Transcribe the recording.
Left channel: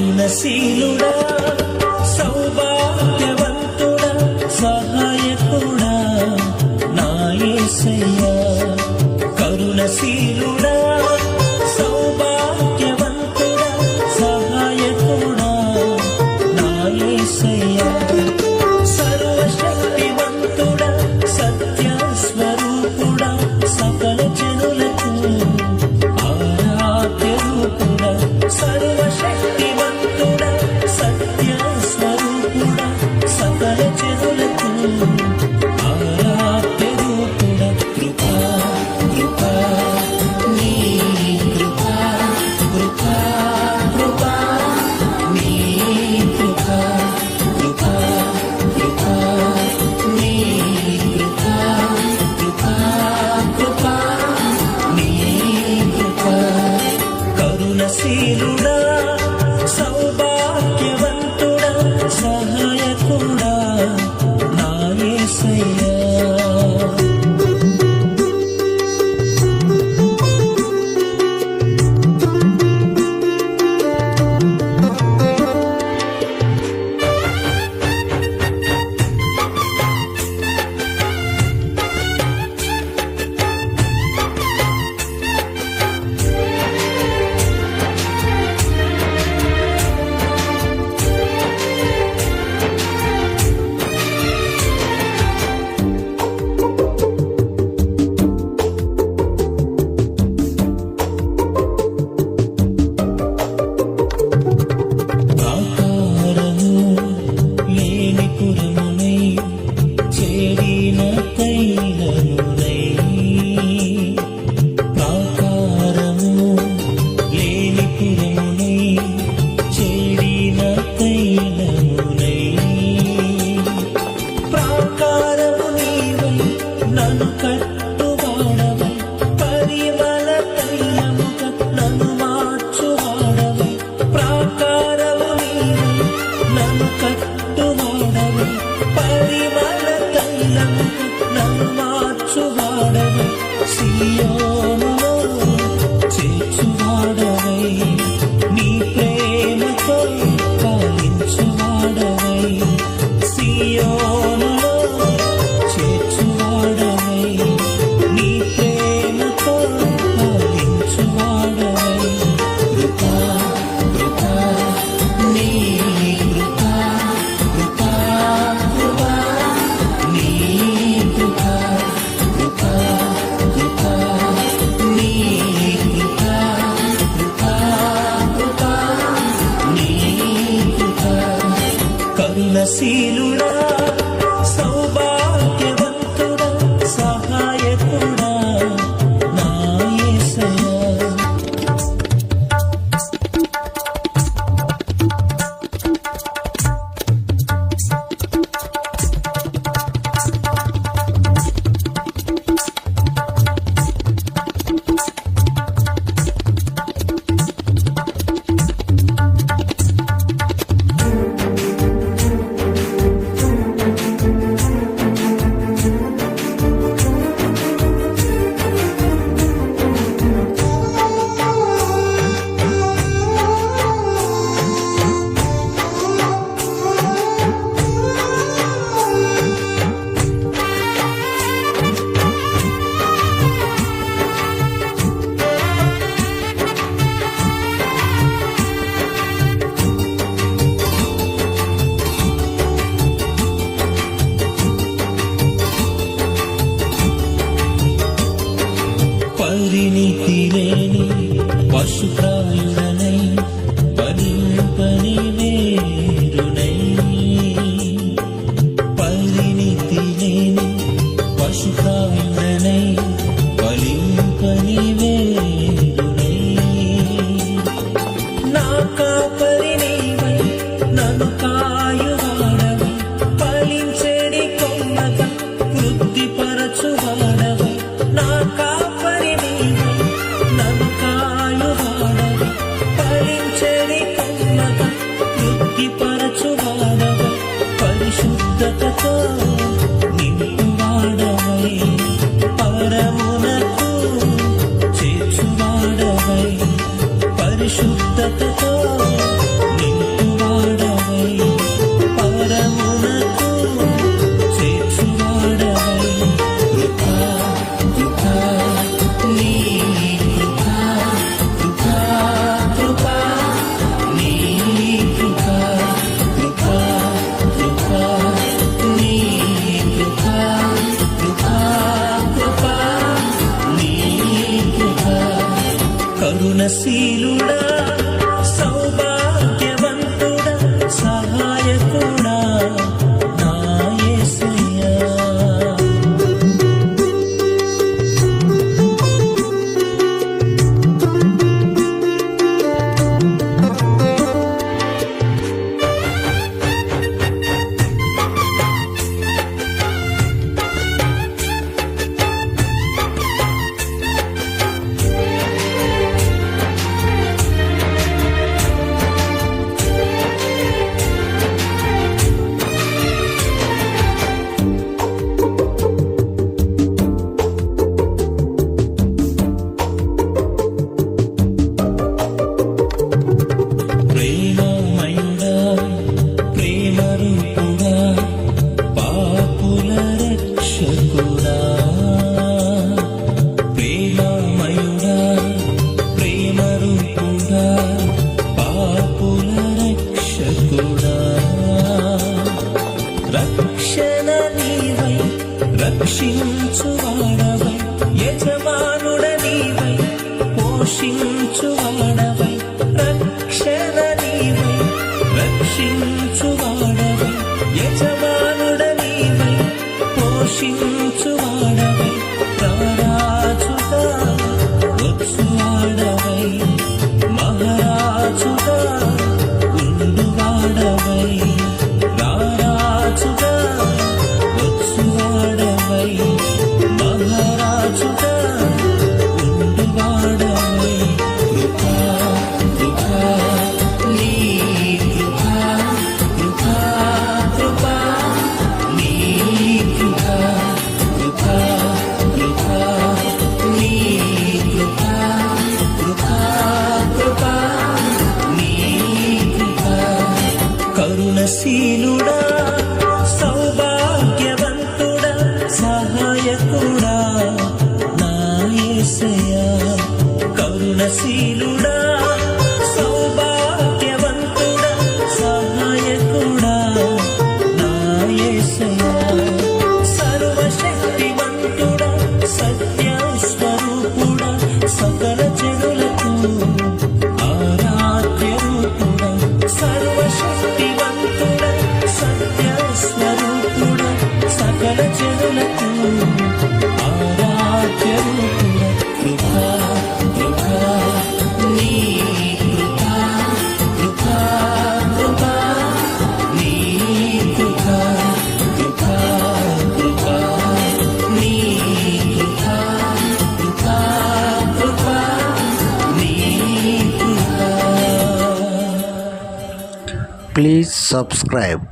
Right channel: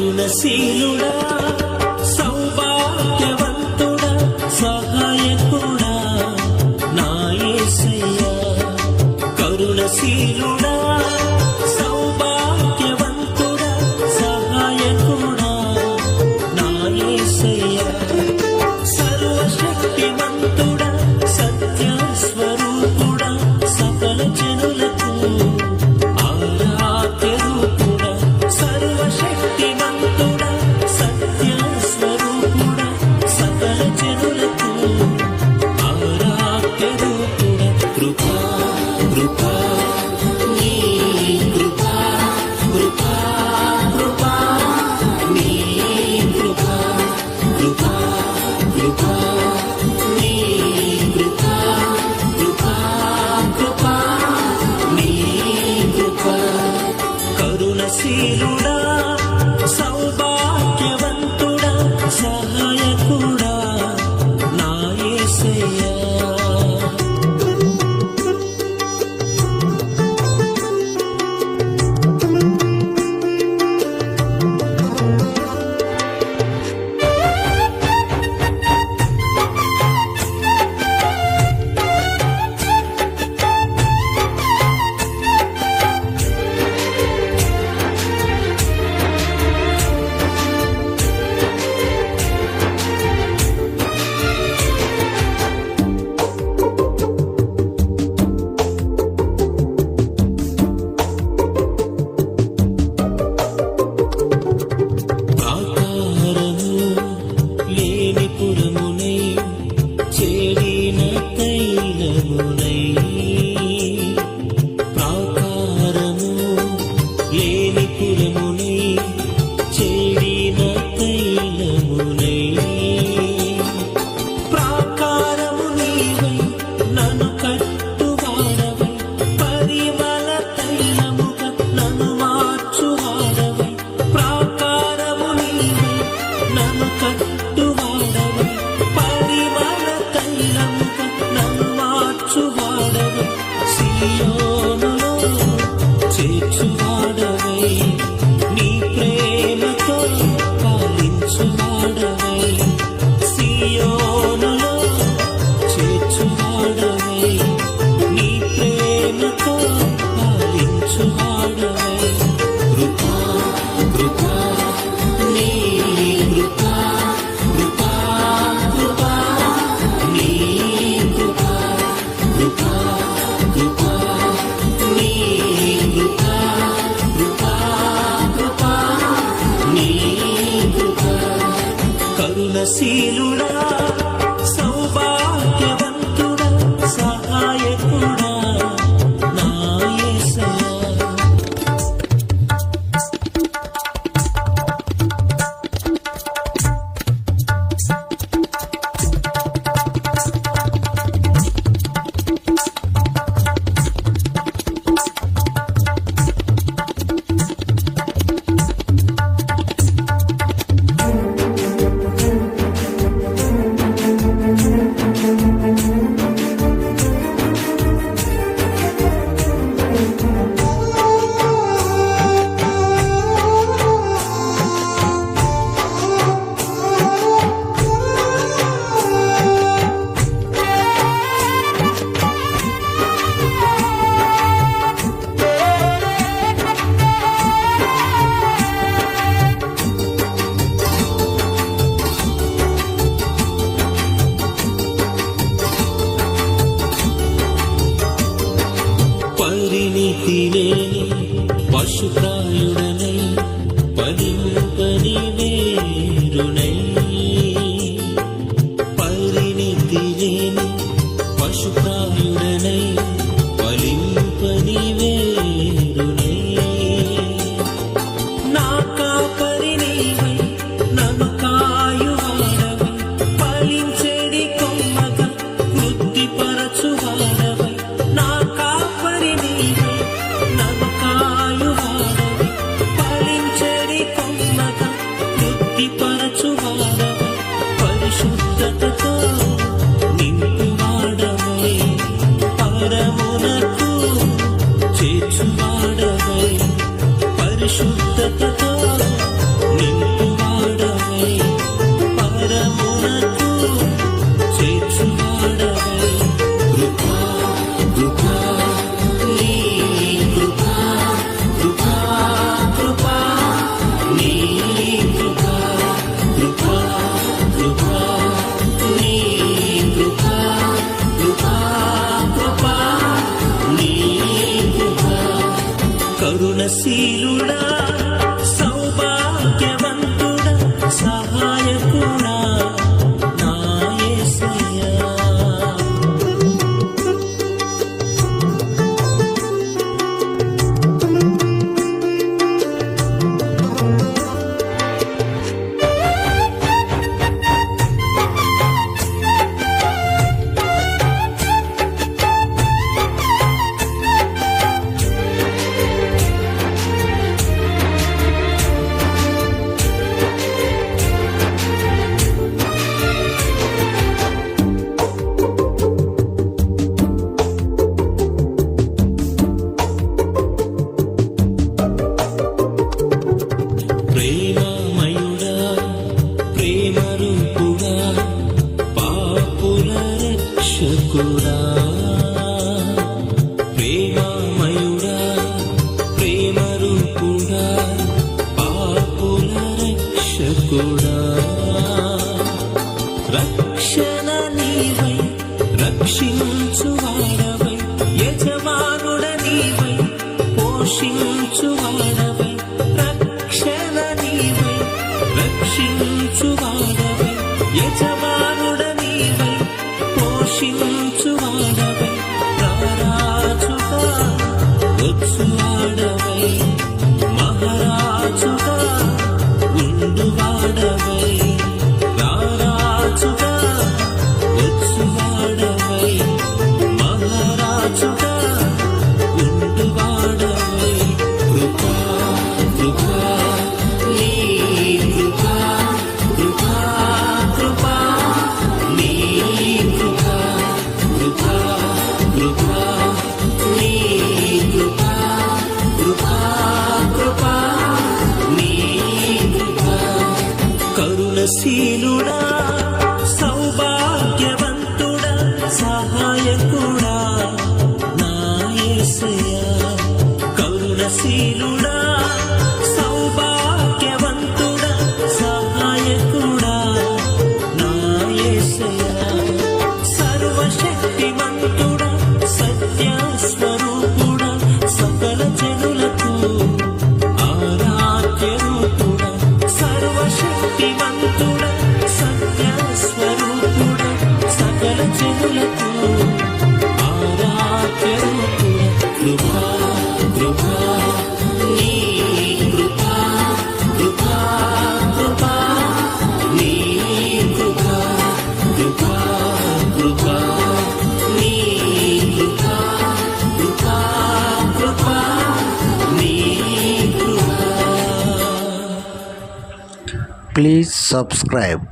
కరుణశీలుడా సౌభాగ్యవంతుడా సహాయకుడా నా యేసయ్యా. కరుణశీలుడా సౌభాగ్యవంతుడా సహాయకుడా నా యేసయ్యా. సర్వశక్తివంతుడా సత్య స్వరూపుడా సకల జనులకు ఆరాధ్య రూపుడా. సర్వశక్తివంతుడా సత్య స్వరూపుడా సకల జనులకు ఆరాధ్య రూపుడా. కృపా కృపా నీ కృపా కృపా కృపా నీ కృపా కృపా కృపా నీ కృపా కృపా కృపా నీ కృపా. కరుణశీలుడా సౌభాగ్యవంతుడా సహాయకుడా నా యేసయ్యా. పురమునై చేడిన తైలమునై ప్రాకారము లేని పురమునై చేడిన తైలమునై. ప్రాకారము నీవై నన్ను కట్టువాడవై పరిమళ తైలముగా నన్ను మార్చువాడవై. ప్రాకారము నీవై నన్ను కట్టువాడవై పరిమళ తైలముగా నన్ను మార్చువాడవై. సియోనులో చేర్చువాడవై నీ ప్రేమతో పాలించువాడవై. సియోనులో చేర్చువాడవై నీ ప్రేమతో పాలించువాడవై. కృపా కృపా నీ కృపా కృపా కృపా నీ కృపా కృపా కృపా నీ కృపా కృపా కృపా నీ కృపా. కరుణశీలుడా సౌభాగ్యవంతుడా సహాయకుడా నా యేసయ్యా. పరిణితి లేని పశుప్రాయుడనై ఫలింపని వేరునై. పరిణితి లేని పశుప్రాయుడనై ఫలింపని వేరునై. నా కాపరి నీవై నన్ను కాయువాడవై ఫలించెడి కొమ్మగా వృద్ధిపరచువాడవై. నా కాపరి నీవై నన్ను కాయువాడవై ఫలించెడి కొమ్మగా వృద్ధిపరచువాడవై. పరిశుద్ధతతో నింపువాడవై పరమునకు చేర్చువాడవై. పరిశుద్ధతతో కరుణశీలుడా సౌభాగ్యవంతుడా సహాయకుడా నా యేసయ్యా. ప్రేమమయుడా ప్రేమరూపుడా పాపుల రక్షకుడా. ప్రేమమయుడా ప్రేమరూపుడా పాపుల రక్షకుడా. రక్షణ నీవై రక్షించువాడవై యజమానుడ నీవై పోషించువాడవై. రక్షణ నీవై రక్షించువాడవై యజమానుడ నీవై పోషించువాడవై. రారాజుగా వచ్చువాడవై మహారాజుగా ఉండువాడవై. రారాజుగా వచ్చువాడవై మహారాజుగా ఉండువాడవై. కృపా కృపా నీ కృపా కృపా కృపా నీ కృపా కృపా కృపా నీ కృపా కృపా కృపా నీ కృపా. కరుణశీలుడా సౌభాగ్యవంతుడా సహాయకుడా నా యేసయ్యా. కరుణశీలుడా సౌభాగ్యవంతుడా సహాయకుడా నా యేసయ్యా. సర్వశక్తిమంతుడా సత్యస్వరూపుడా సకల జనులకు ఆరాధ్య రూపుడా. సర్వశక్తివంతుడా సత్యస్వరూపుడా సకల జనులకు ఆరాధ్య రూపుడా. కృపా కృపా నీ కృపా కృపా కృపా నీ కృపా కృపా కృపా నీ కృపా కృపా కృపా నీ కృపా. Please subscribe